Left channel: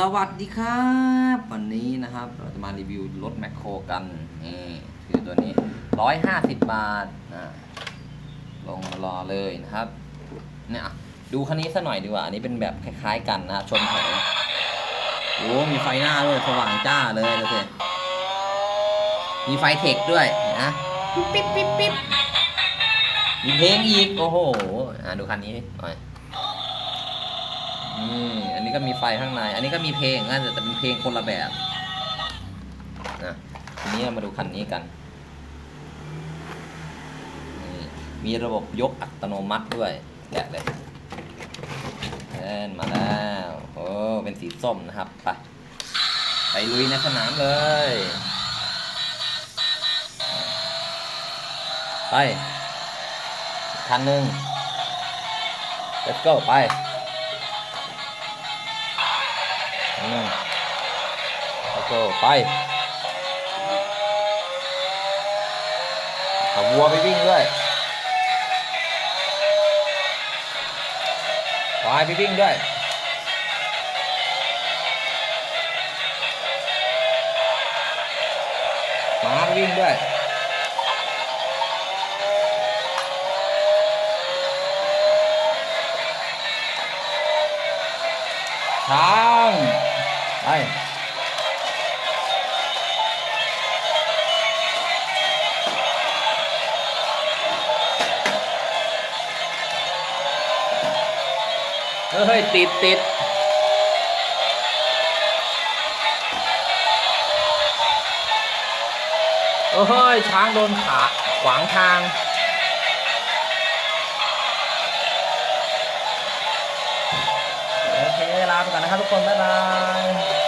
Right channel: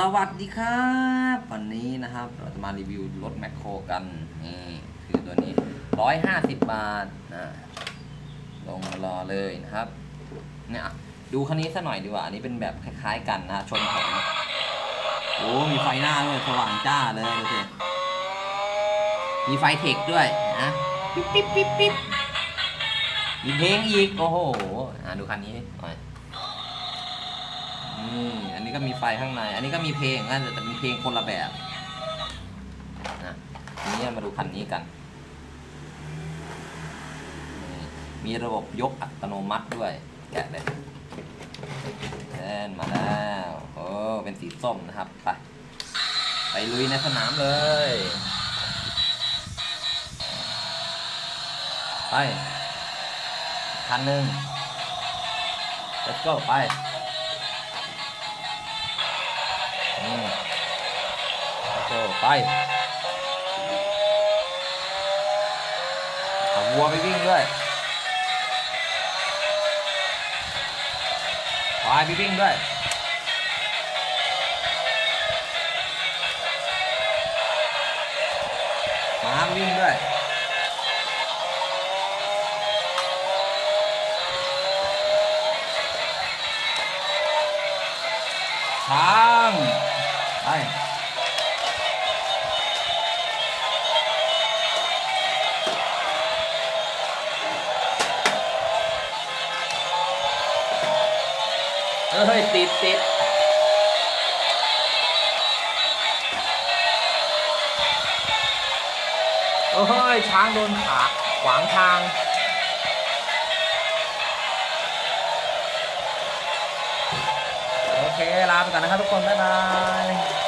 สวัสดีครับ วันนี้นะครับ เราจะมารีวิวรถแมคโครกัน นี่คือตัวนี้ 150 บาทนะลงมารอเลยนะครับ เนี่ยดูคันนี้ซะหน่อยดีกว่า อันนี้เป็นแบบคล้ายๆกันนะชนแผงโอ้มีไฟหน้าด้วยสว่างจ้าเลยดูสิมีไฟเทคด้วยนะปิ๊บปิ๊บปิ๊บปิ๊บมีเพลงอีก โอ้โหอะดูคันนี้หน่อย ก็มีไฟข้างใน อันนี้ก็มีเพลงนะแต่เป็นเพลงคนละแบบนะทีนี้มาดูคันนี้กัน มีระบบยกอัตโนมัติด้วยแจกเลยเล่นมาแล้วโอ้เป็นสีส้มนะครับไปไปลุยในสนามเลย ไปคันหนึ่ง let's go ไป แล้วก็ไปเอาวัวไปวิ่งด้วยควายไปวิ่งด้วยม้าวิ่งด้วยช้างไป เฮ้ย ติดติดเฮ้ย ช้างโดนขา ขวางทาง โอเค ลาไปก่อนนะครับทุกคน บ๊ายบาย